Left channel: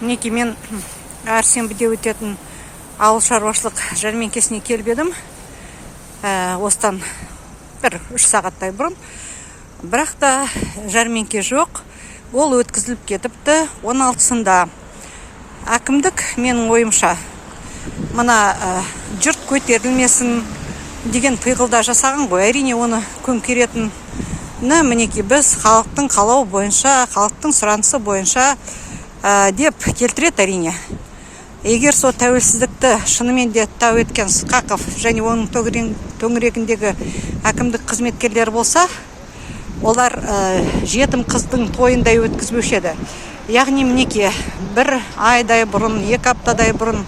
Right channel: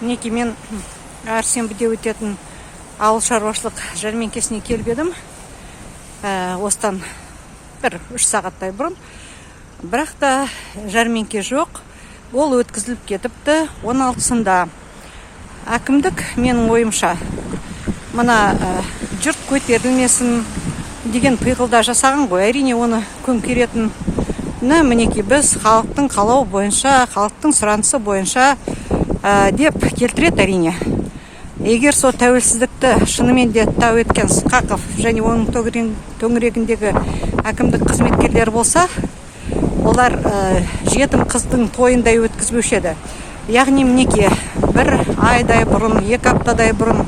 Мінекей мен әр сенбіде өтетін ауыл шаруашылық жәрмеңкесіне келіп едім. Осыдан 1-3 сағаттай бұрын. Бірақ та жәрмеңке жоқ. Ол өткізіліп кетіпті 16-сында. Әкімдік менің ойымша мына жұрт көтерілмесін деген пиғылда жасаған ғой. Әрине оны көмкеретін мінекей біз халықтың қалауы бойынша, халықтың сұранысы бойынша деп келтіреді әрине. Егер сол тәуелсіздікті шынымен де тау еткен Сқақов және оның төңірегіндегі әкімдік қызметкерлері болса, олар жетім қыздың тойындай өткізбеуші еді. Яғни мінекей 1 айдай бұрын, 2 аптадай бұрын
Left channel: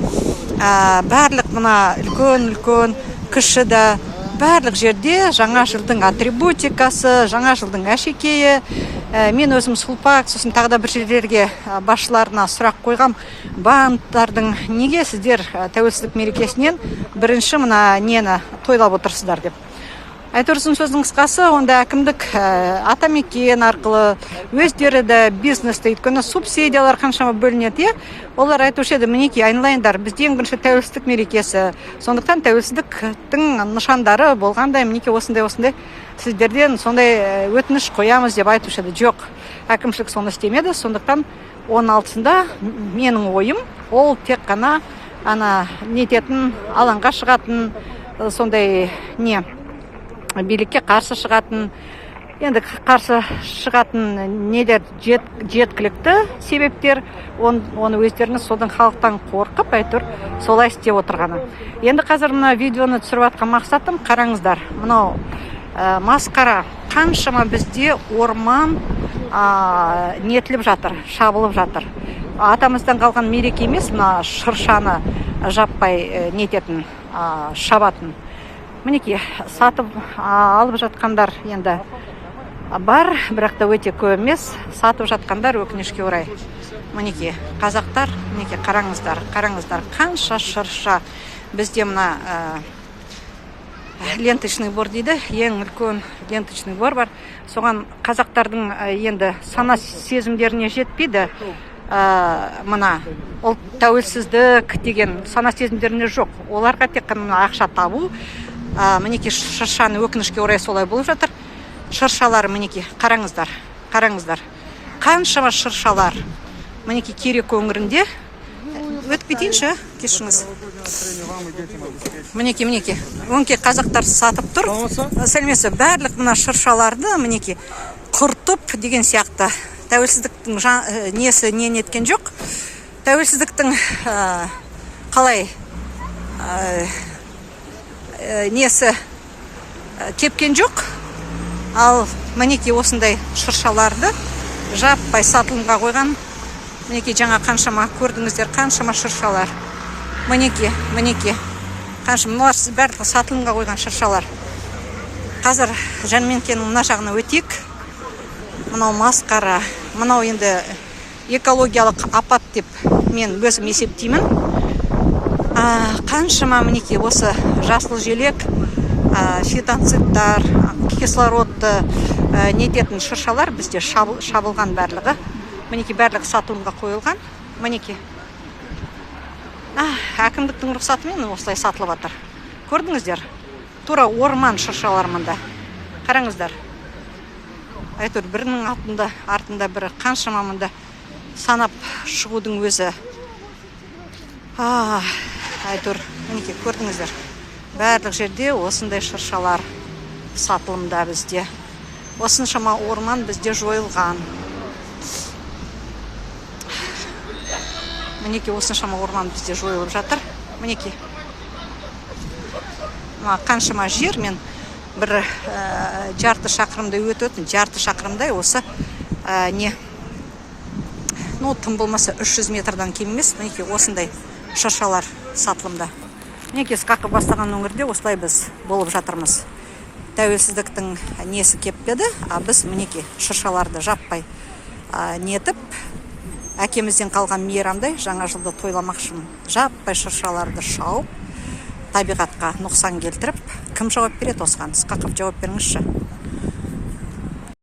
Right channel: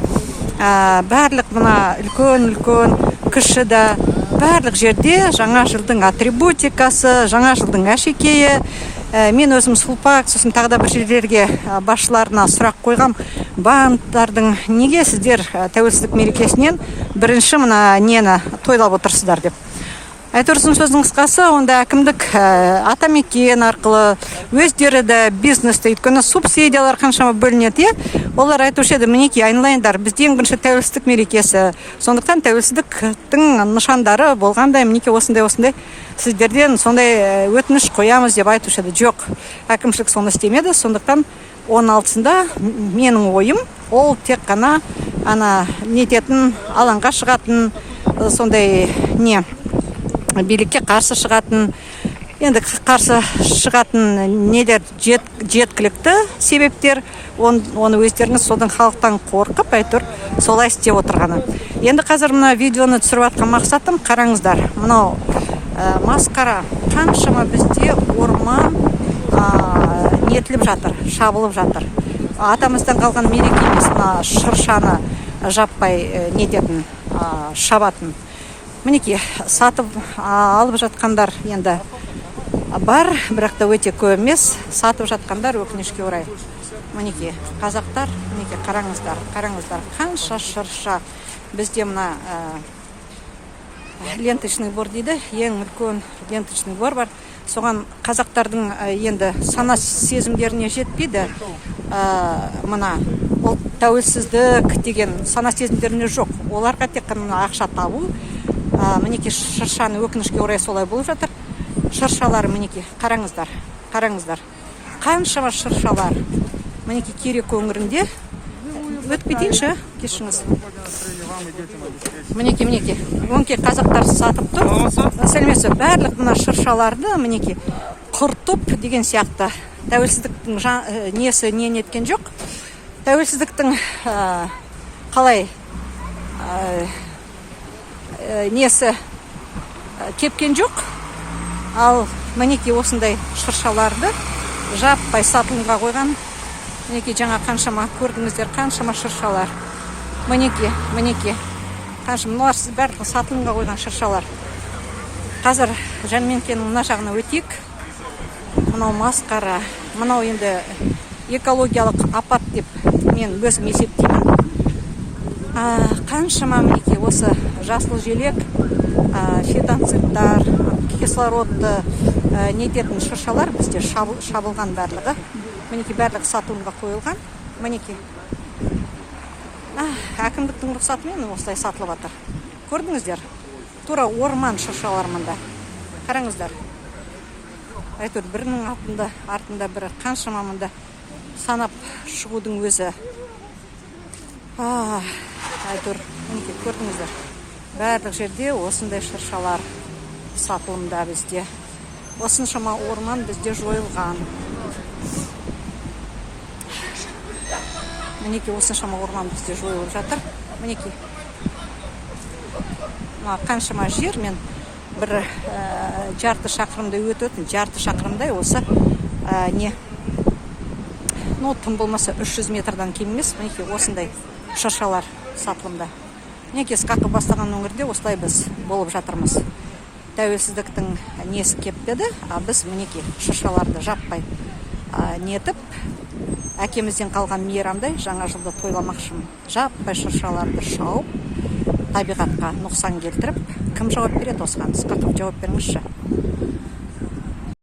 барлық мына үлкен кіші да барлық жерде жаңа жылдың атрибутикасы, жаңа жылдың әшекейі. Мен өзім Сұлпақ, сосын тағы да бір жерлерге басшыларына сұрақ қойғам. Банктардың неге сіздер тәуелсіздік мерекесінен бірінші мына нені тойлап отырсыздар деп. Айтырсын сөздің қысқасы, онда әкімдік атамекен арқылы өздері де бизнесті, өйткені субсидиялар қаншама бөлінеді. Олар айтушы еді, мінекей айналайындар, бізде ең бірінші тәуелсіздік мерекесі. Сондықтан тәуелсіздіктің нышандары болғандай, мінекей осындай сіздерден сондай өтініш қоямыз деп айтушы еді. Жоқ, әкімшілік соны істемеді. Сондықтан 16-сында менің ойым, ол тек қана нететін, алаңға шығатын, сондай билікке қарсы шығатын, енді қарсы шығатын нелер жеткілікті себептер, оны өздеріңіз содан халықтан қорқып, әйтеуір солай істеп отырғаны. Енді қазір мына видеоны түсіріп жатқан мақсатым, қараңыздар, мынау масқара, қаншама бізде орман нетіліп жатыр, шабылып жатыр. Атамыздан қалған мереке емес, мына шыршаны жаппай нететін, шабатын. Мінекей сатып алып жатқандар енді бар, бірақ та өте көп емес. Сатып жатқандар өкінішке орай. Мінекей қазақтар, мінекей қараңыздар, қанша шырша. Бізде мына ленточный бор дейді, ең үлкен ленточный бор бар. Соған қазақтардың енді сана сезімдеріне жетпейді. Мына ол тәуелсіздік деген сана сезімдеріне жоқ. Оларға тек қана ақша табу. Мінекей шыршаны өкінішке орай солай болып жатыр. Шыршалар мінекей қараңыздар. Қаншама шыршалар. Мінекей Керек өңірінде. Өтіп кетейінші, кешіңіз. Мінекей. Өңкей қазақтар сатып тұр. Сәлмесі, барлық мына шыршаларды мінекей құртып деген сияқты. Тәуелсіздіктің несі неткен жоқ. Тәуелсіздіктің қалай несі тепкен жоқ. Ал мінекей осындай шыршаларды жаппай сатылымға қойған. Мінекей жаңа қаншама көрдіңіздер, қаншама шыршалар. Мінекей. Қаншама барлығы сатылымға қойған шыршалар. Қазір жәрмеңкенің мына жағына өтейік. Мынау масқара, мынау енді экологиялық апат деп мен өзім есептеймін. Қаншама мінекей осы жасыл желек, фитонцидтар, кислородты нететін шыршалар бізде шабылған барлығы. Мінекей барлығы сатылымға қойылған. Мінекей. Әкімдіктің рұқсатымен осылай сатылып жатыр. Көрдіңіздер? Тура орман шыршалар мында. Қараңыздар. Әйтеуір бірінің артында бірі қаншама мында санап шығудың өзі. Әйтеуір, мінекей көрдіңіздер. Барлық жерде осындай шыршалар сатылымда бізде. Осыншама орман бізде жойылған. Мінекей осыншама орман бізде жойылып жатыр. Мінекей. Қаншама жер, мен бір жарты шақырымдай өтетін, жарты шақырымдай осы тым болмаса 300 метрдан кем емес. Мінекей осындай шыршалар сатылымда. Мінекей Сқақов бастаған өңірде осылай біз болып жатырмыз. Тәуелсіздіктің несі кеппеді, біз мінекей шыршаларды жаппай нетіп, әкемізден қалған мейрамдай жаңа жылды тойламақшымын. Жаппай шыршаларды шауып, табиғатқа нұқсан келтіріп, кім жауап береді осыған? Сқақов жауап беріңізші.